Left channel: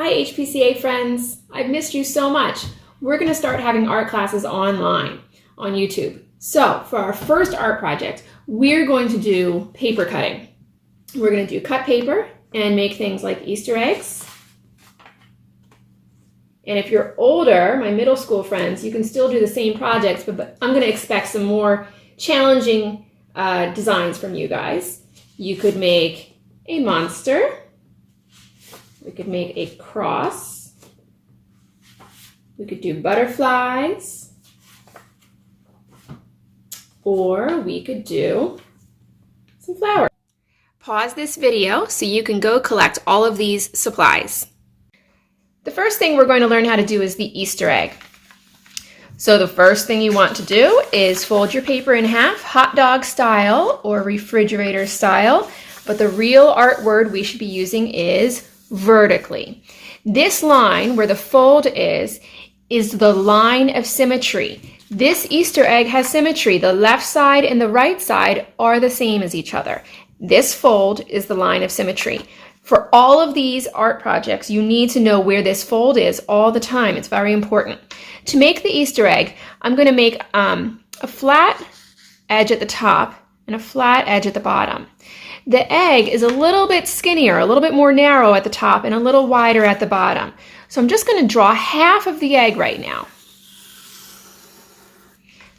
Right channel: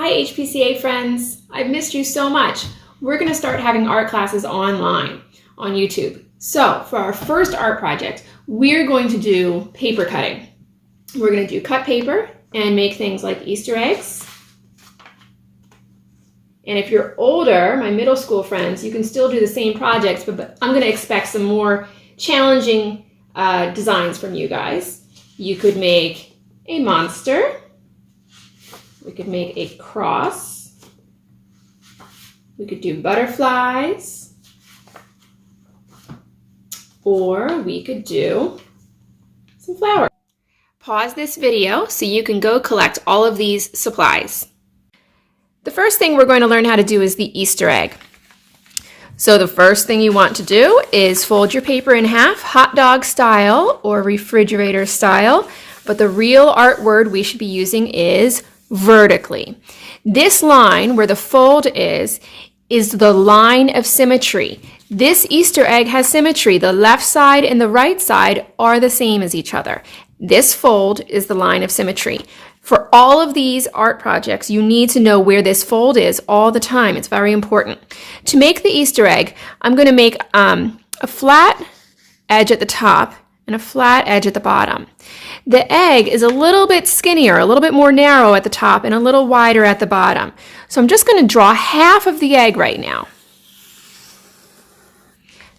Hi HPCA friends, I've missed you so much. We're going to start having art classes online on YouTube. So for our first art project, we're going to do paper cutting. We're going to do cut paper and make things like Easter eggs. And if you're older, my middle school friends, you can still do the same projects, but I'm going to expect some more challenging designs from you guys. You could make a monster. We could make a cross. We could do butterflies. Or we could do some flowers. Pause this video so you can go collect all of these supplies. The first thing we're going to learn how to do is the Easter egg. So the first thing you want to do is fold your paper in half, hot dog style or refrigerator style. But the real art word we should be using is vertically. This line where the fold is the line of symmetry. This Easter egg has symmetry. The left side and the right side are the same as each other. This fold is the line of symmetry. For all of these art projects, you need to know where this fold is all the time. It's very important. To make the Easter egg, I'm going to make a flat edge at the top and a flat edge at the bottom. The egg is a little bit skinnier, a little bit more narrow at the top and a little wider at the bottom. So I'm just going to draw half of the egg right now.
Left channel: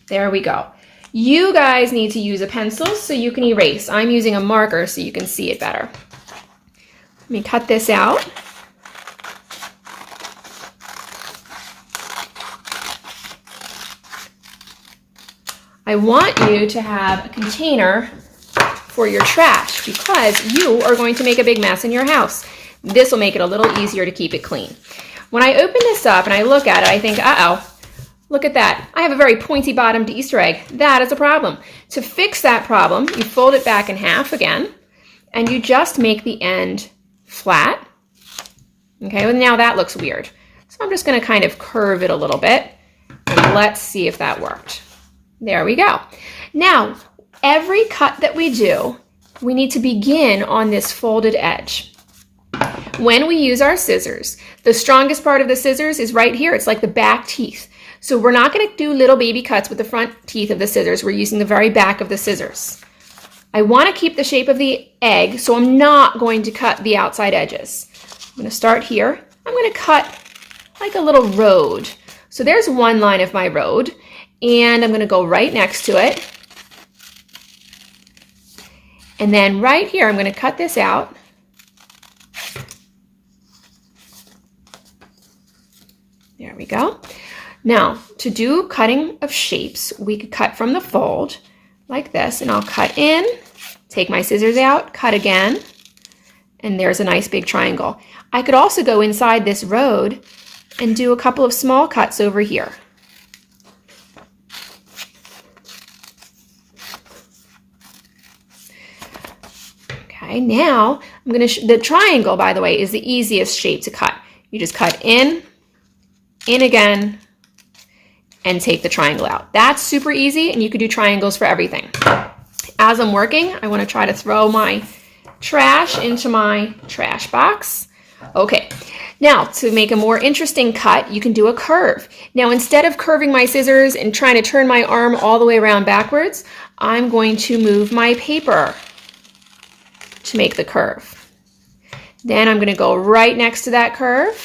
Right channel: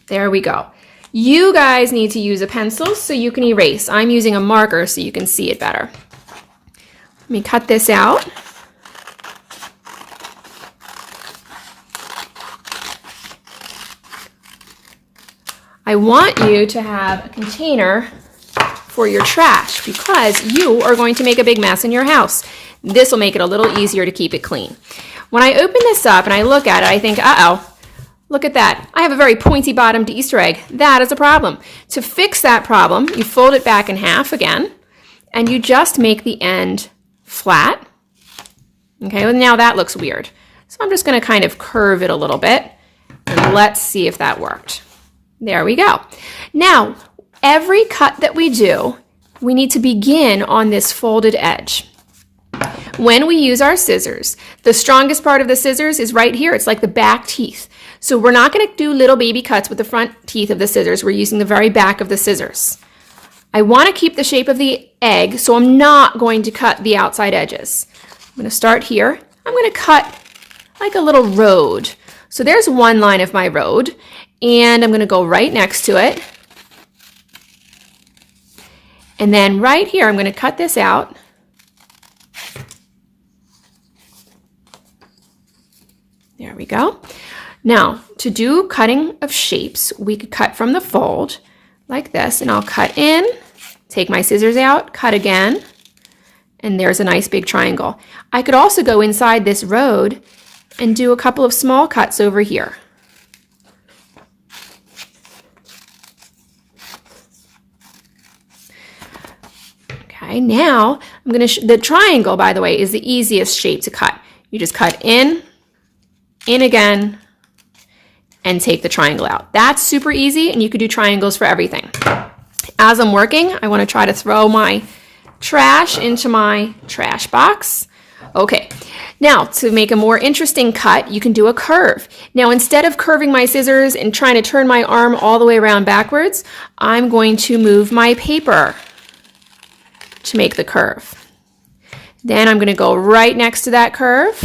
There we go. You guys need to use a pencil so you can erase. I'm using a marker so you can see it better. Let me cut this out. I want you to have a container for your trash because you are going to make a big mess in your house. This will make it a little easier to keep it clean. When I open this up and I look at it, I think, uh-oh, look at that. I have a very pointy bottomed Easter egg. That is a problem. To fix that problem, you fold it back in half again, and you just make the end flat. Okay, well now that looks weird. So I'm just going to kind of curve it a little bit, and let's see if that worked. There we go. Now, every cut that we do, we need to begin on this folded edge. When we use our scissors, the strongest part of the scissors is right here. It's like the back teeth. So we're not going to do little baby cuts with the front teeth of the scissors. We're using the very back of the scissors. I want to keep the shape of the egg, so I'm not going to cut the outside edges. I'm going to start here. I'm going to cut like a little road. So there's one line of my road, and I'm going to go right next to it. And then right here, I'm going to cut this out. There we go. Now, to do cutting of shapes, we could cut from the fold like this, and I'll cut in, take my scissors out, cut again, and there's a nice big triangle. I could also go inside this road and do a couple of small cuts over here. Okay, now I'm going to, the triangle, by the way, is the easiest shape to cut. You just cut in again, and take the triangle out. That's super easy, and you could do triangles for everything. As I'm working, I want to try to throw my trash into my trash box. Okay, now to make a more interesting cut, you can do a curve. Now instead of curving my scissors and trying to turn my arm all the way around backwards, I'm going to move my paper to make the curve. Then I'm going to go right next to that curve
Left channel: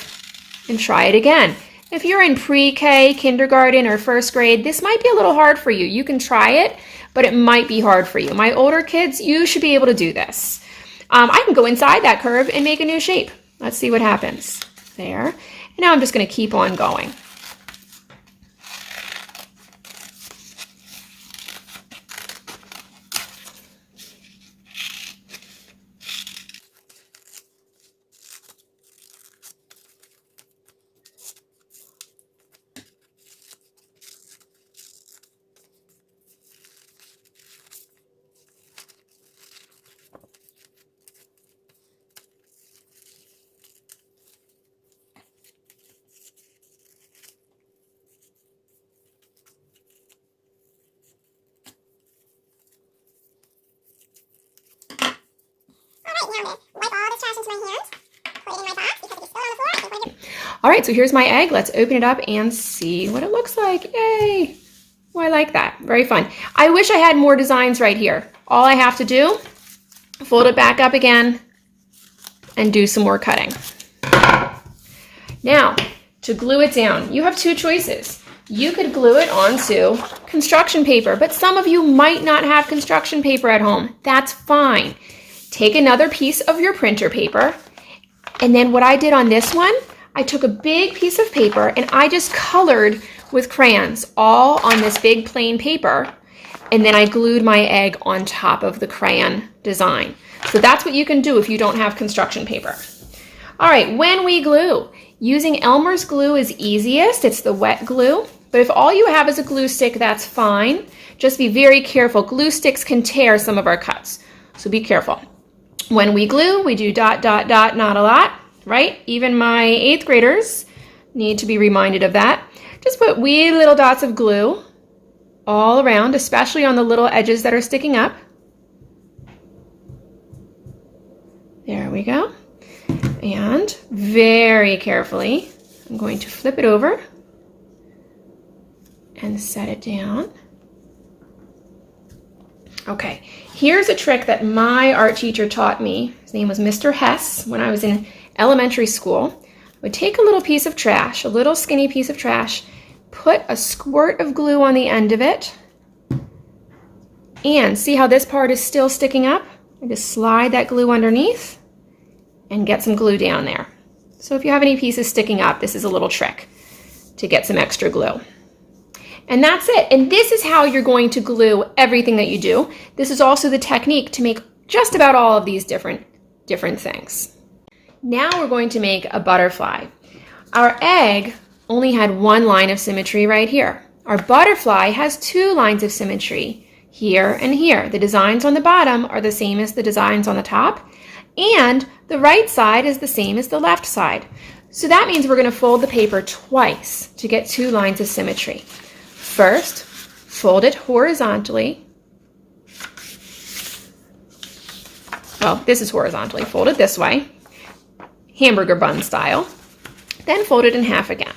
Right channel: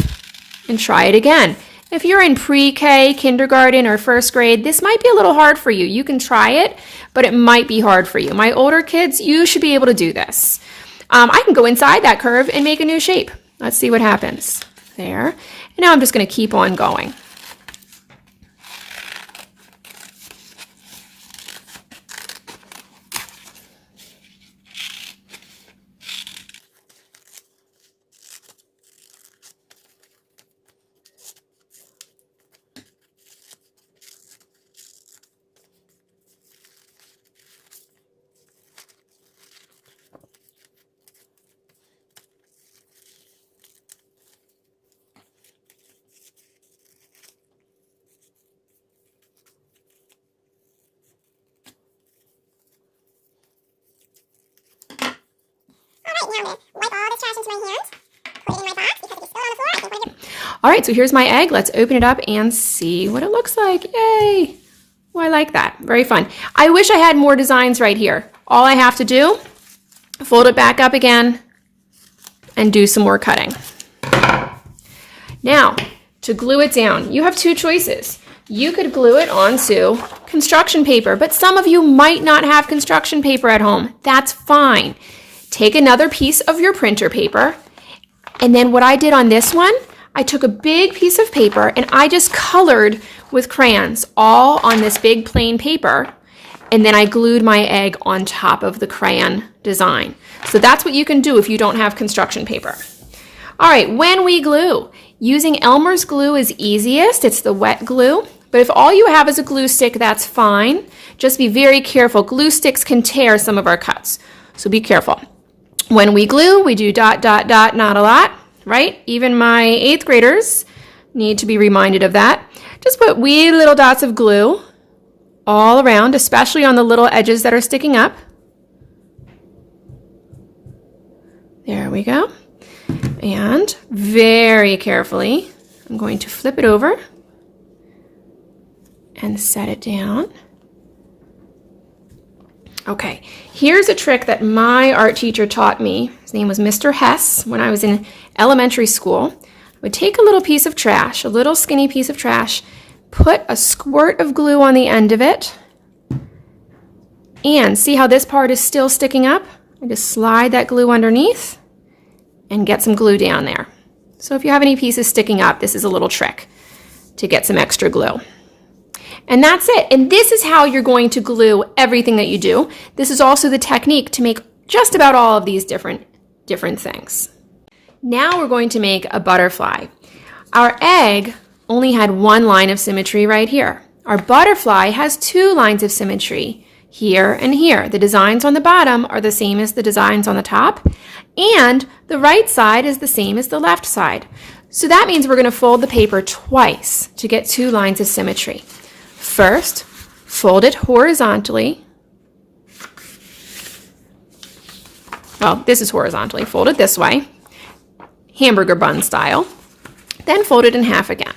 and try it again. If you're in pre-K, kindergarten, or first grade, this might be a little hard for you. You can try it, but it might be hard for you. My older kids, you should be able to do this. I can go inside that curve and make a new shape. Let's see what happens. There. And now I'm just going to keep on going. Now I'm going to wipe all this trash into my hands, put it in my box because if it's spilled on the floor, I think All right, so here's my egg. Let's open it up and see what it looks like. Yay! Oh, I like that. Very fun. I wish I had more designs right here. All I have to do, fold it back up again and do some more cutting. Now, to glue it down, you have two choices. You could glue it onto construction paper, but some of you might not have construction paper at home. That's fine. Take another piece of your printer paper, and then what I did on this one, I took a big piece of paper and I just colored with crayons all on this big plain paper, and then I glued my egg on top of the crayon design. So that's what you can do if you don't have construction paper. All right, when we glue, using Elmer's glue is easiest. It's the wet glue. But if all you have is a glue stick, that's fine. Just be very careful. Glue sticks can tear some of our cuts, so be careful. When we glue, we do dot, dot, dot, not a lot, right? Even my 8th graders need to be reminded of that. Just put wee little dots of glue all around, especially on the little edges that are sticking up. There we go. And very carefully, I'm going to flip it over and set it down. Okay, here's a trick that my art teacher taught me. His name was Mr. Hess. When I was in elementary school, I would take a little piece of trash, a little skinny piece of trash, put a squirt of glue on the end of it, and see how this part is still sticking up? I just slide that glue underneath and get some glue down there. So if you have any pieces sticking up, this is a little trick to get some extra glue. And that's it. And this is how you're going to glue everything that you do. This is also the technique to make just about all of these different things. Now we're going to make a butterfly. Our egg only had one line of symmetry right here. Our butterfly has two lines of symmetry, here and here. The designs on the bottom are the same as the designs on the top, and the right side is the same as the left side. So that means we're going to fold the paper twice to get two lines of symmetry. First, fold it horizontally. Well, this is horizontally. Fold it this way, hamburger bun style. Then fold it in half again.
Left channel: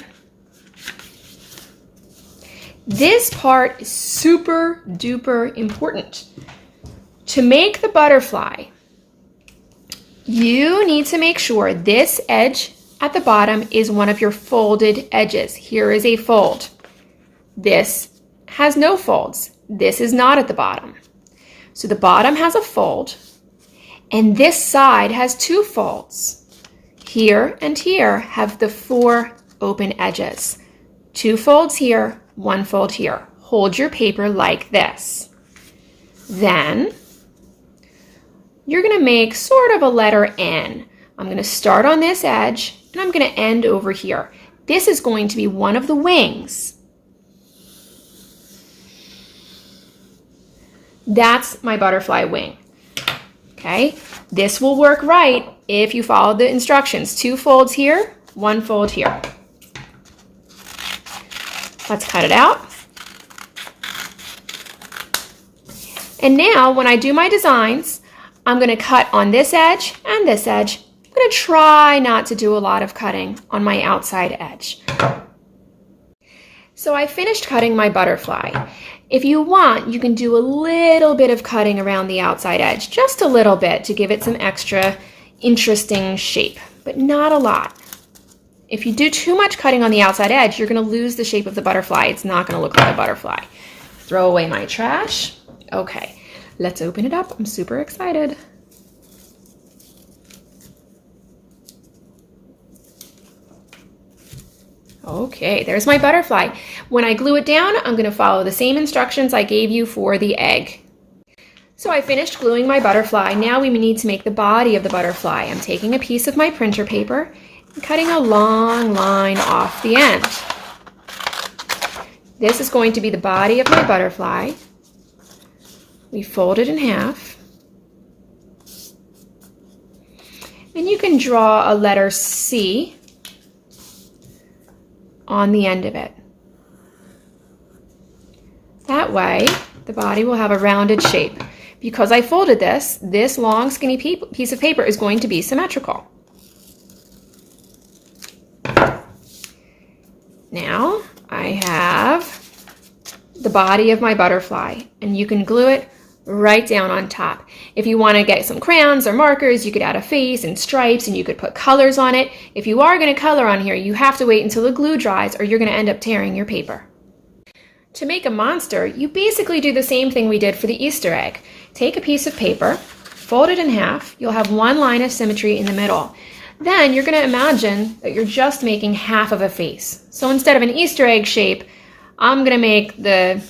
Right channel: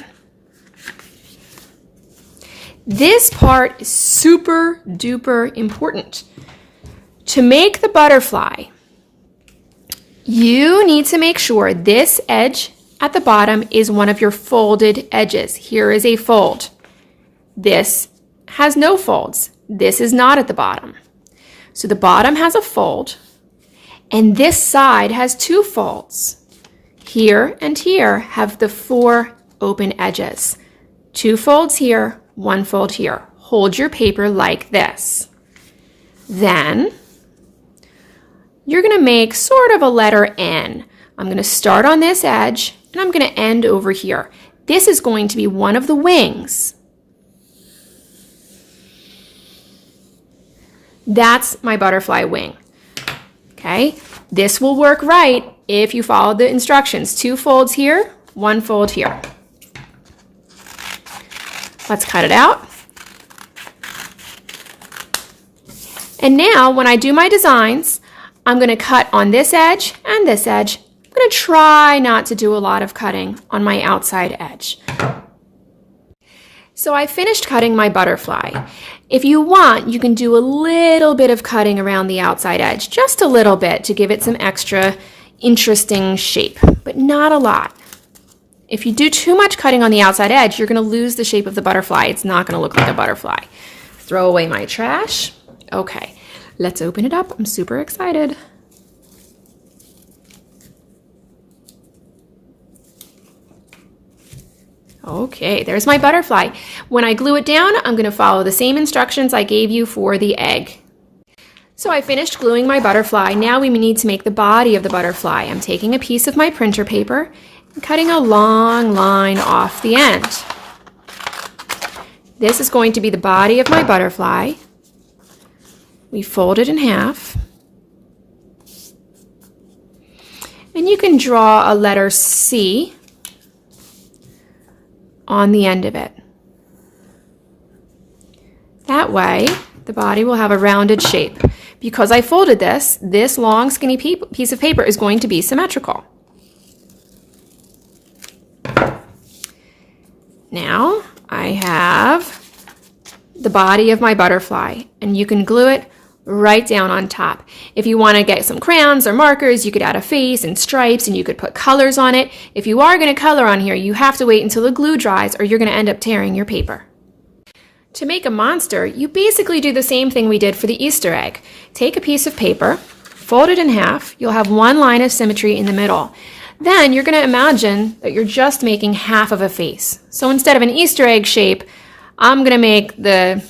This part is super duper important. To make the butterfly, you need to make sure this edge at the bottom is one of your folded edges. Here is a fold. This has no folds. This is not at the bottom. So the bottom has a fold, and this side has two folds. Here and here have the 4 open edges. 2 folds here, 1 fold here. Hold your paper like this. Then you're going to make sort of a letter N. I'm going to start on this edge, and I'm going to end over here. This is going to be one of the wings. That's my butterfly wing. Okay, this will work right if you follow the instructions. 2 folds here, 1 fold here. Let's cut it out. And now when I do my designs, I'm going to cut on this edge and this edge. I'm going to try not to do a lot of cutting on my outside edge. So I finished cutting my butterfly. If you want, you can do a little bit of cutting around the outside edge, just a little bit to give it some extra interesting shape, but not a lot. If you do too much cutting on the outside edge, you're going to lose the shape of the butterfly. It's not going to look like a butterfly. Throw away my trash. Okay, let's open it up. I'm super excited. Okay, there's my butterfly. When I glue it down, I'm going to follow the same instructions I gave you for the egg. So I finished gluing my butterfly. Now we need to make the body of the butterfly. I'm taking a piece of my printer paper and cutting a long line off the end. This is going to be the body of my butterfly. We fold it in half. And you can draw a letter C on the end of it. That way, the body will have a rounded shape. Because I folded this long skinny piece of paper is going to be symmetrical. Now I have the body of my butterfly, and you can glue it right down on top. If you want to get some crayons or markers, you could add a face and stripes, and you could put colors on it. If you are going to color on here, you have to wait until the glue dries or you're going to end up tearing your paper. To make a monster, you basically do the same thing we did for the Easter egg. Take a piece of paper, fold it in half. You'll have one line of symmetry in the middle. Then you're going to imagine that you're just making half of a face. So instead of an Easter egg shape, I'm going to make the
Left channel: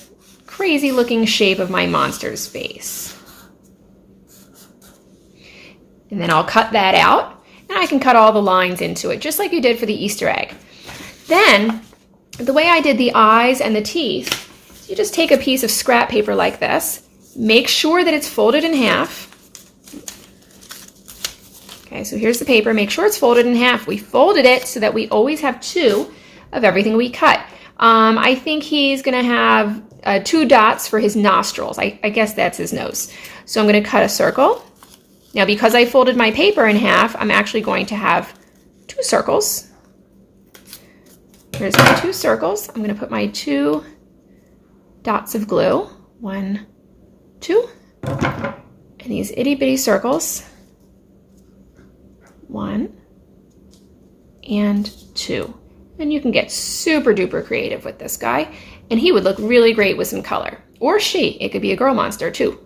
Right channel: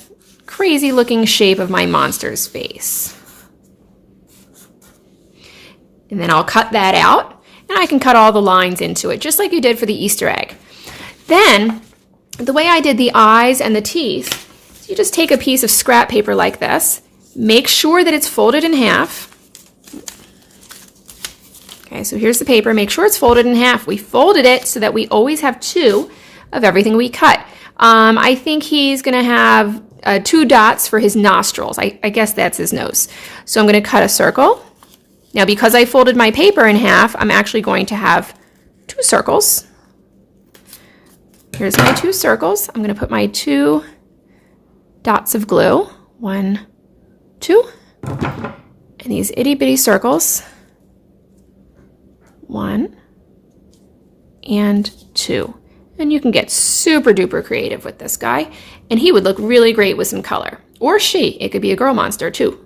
crazy looking shape of my monster's face. And then I'll cut that out, and I can cut all the lines into it, just like you did for the Easter egg. Then, the way I did the eyes and the teeth, you just take a piece of scrap paper like this, make sure that it's folded in half. Okay, so here's the paper, make sure it's folded in half. We folded it so that we always have two of everything we cut. I think he's going to have 2 dots for his nostrils. I guess that's his nose. So I'm going to cut a circle. Now, because I folded my paper in half, I'm actually going to have 2 circles. Here's my 2 circles. I'm going to put my 2 dots of glue. 1, 2. And these itty bitty circles. 1 and 2. And you can get super duper creative with this guy, and he would look really great with some color. Or she, it could be a girl monster too.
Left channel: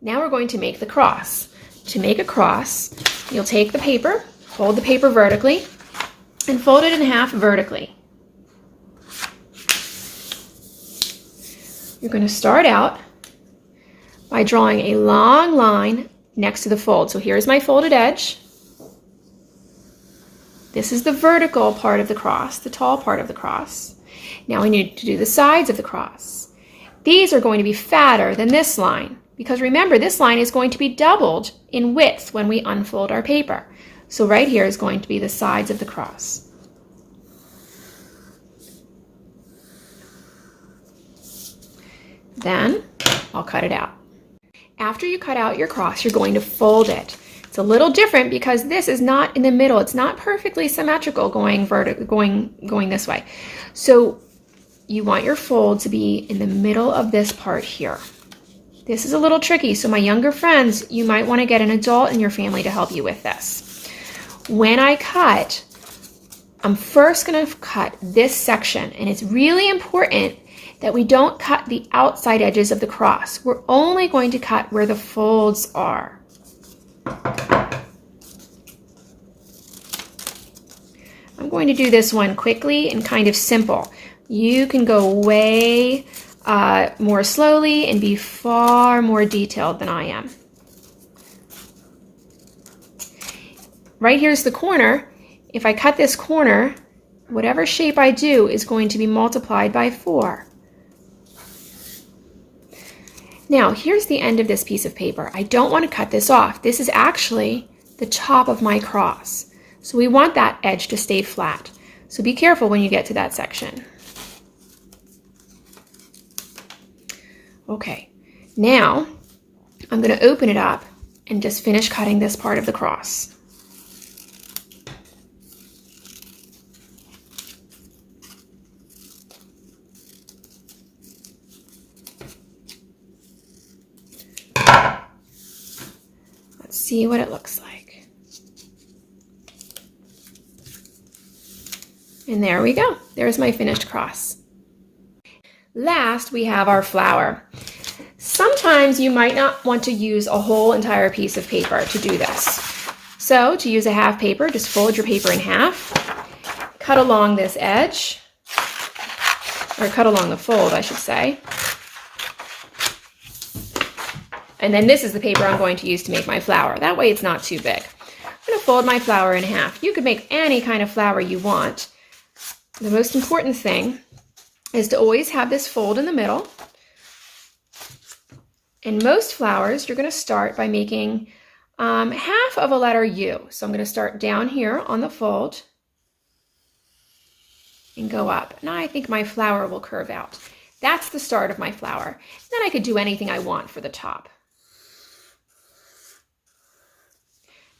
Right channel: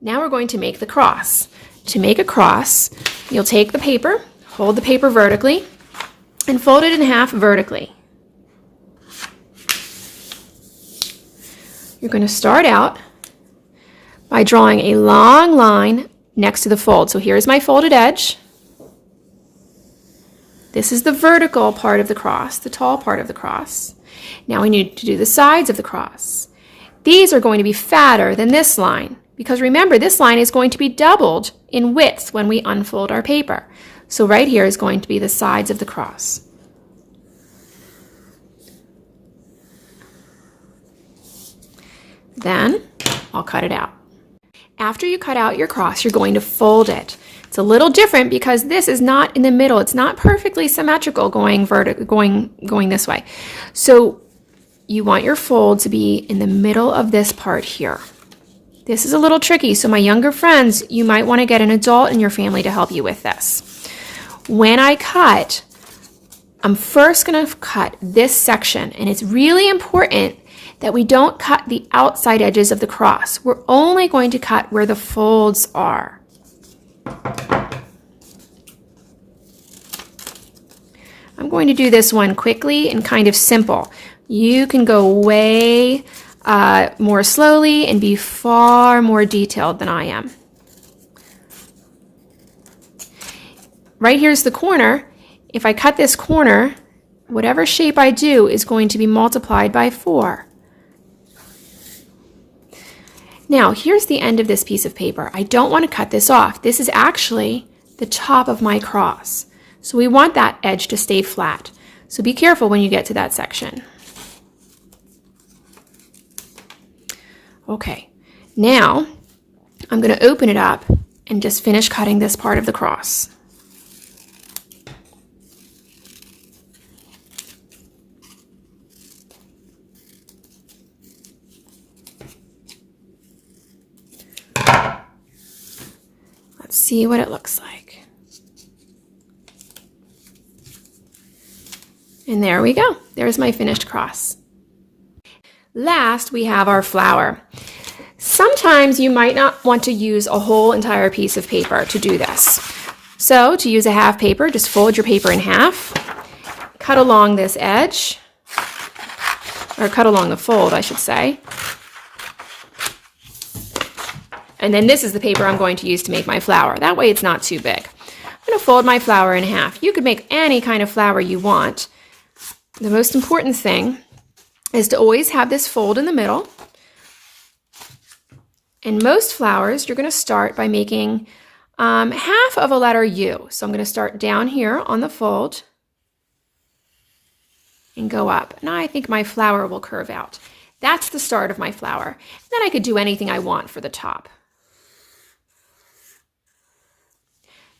Now we're going to make the cross. To make a cross, you'll take the paper, fold the paper vertically, and fold it in half vertically. You're going to start out by drawing a long line next to the fold. So here's my folded edge. This is the vertical part of the cross, the tall part of the cross. Now we need to do the sides of the cross. These are going to be fatter than this line, because remember, this line is going to be doubled in width when we unfold our paper. So right here is going to be the sides of the cross. Then I'll cut it out. After you cut out your cross, you're going to fold it. It's a little different because this is not in the middle. It's not perfectly symmetrical going this way. So you want your fold to be in the middle of this part here. This is a little tricky, so my younger friends, you might want to get an adult in your family to help you with this. When I cut, I'm first going to cut this section, and it's really important that we don't cut the outside edges of the cross. We're only going to cut where the folds are. I'm going to do this one quickly and kind of simple. You can go way more slowly and be far more detailed than I am. Right here's the corner. If I cut this corner, whatever shape I do is going to be multiplied by 4. Now, here's the end of this piece of paper. I don't want to cut this off. This is actually the top of my cross. So we want that edge to stay flat. So be careful when you get to that section. Okay, now I'm going to open it up and just finish cutting this part of the cross. Let's see what it looks like. And there we go. There's my finished cross. Last, we have our flower. Sometimes you might not want to use a whole entire piece of paper to do this. So to use a half paper, just fold your paper in half, cut along this edge, or cut along the fold, I should say. And then this is the paper I'm going to use to make my flower. That way it's not too big. I'm going to fold my flower in half. You could make any kind of flower you want. The most important thing is to always have this fold in the middle. In most flowers, you're going to start by making half of a letter U. So I'm going to start down here on the fold and go up. Now I think my flower will curve out. That's the start of my flower. Then I could do anything I want for the top.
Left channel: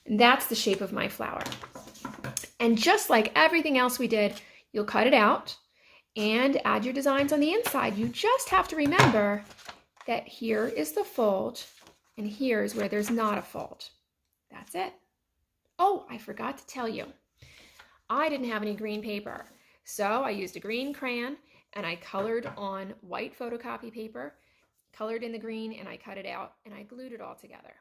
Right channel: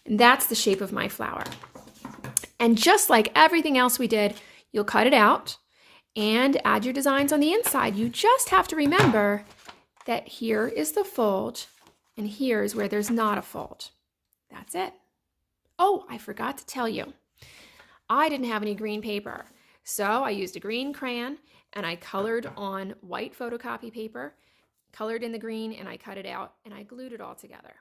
And that's the shape of my flower. And just like everything else we did, You'll cut it out and add your designs on the inside. You just have to remember that here is the fold and here's where there's not a fold. That's it. Oh, I forgot to tell you. I didn't have any green paper, so I used a green crayon and I colored on white photocopy paper, colored in the green, and I cut it out and I glued it all together.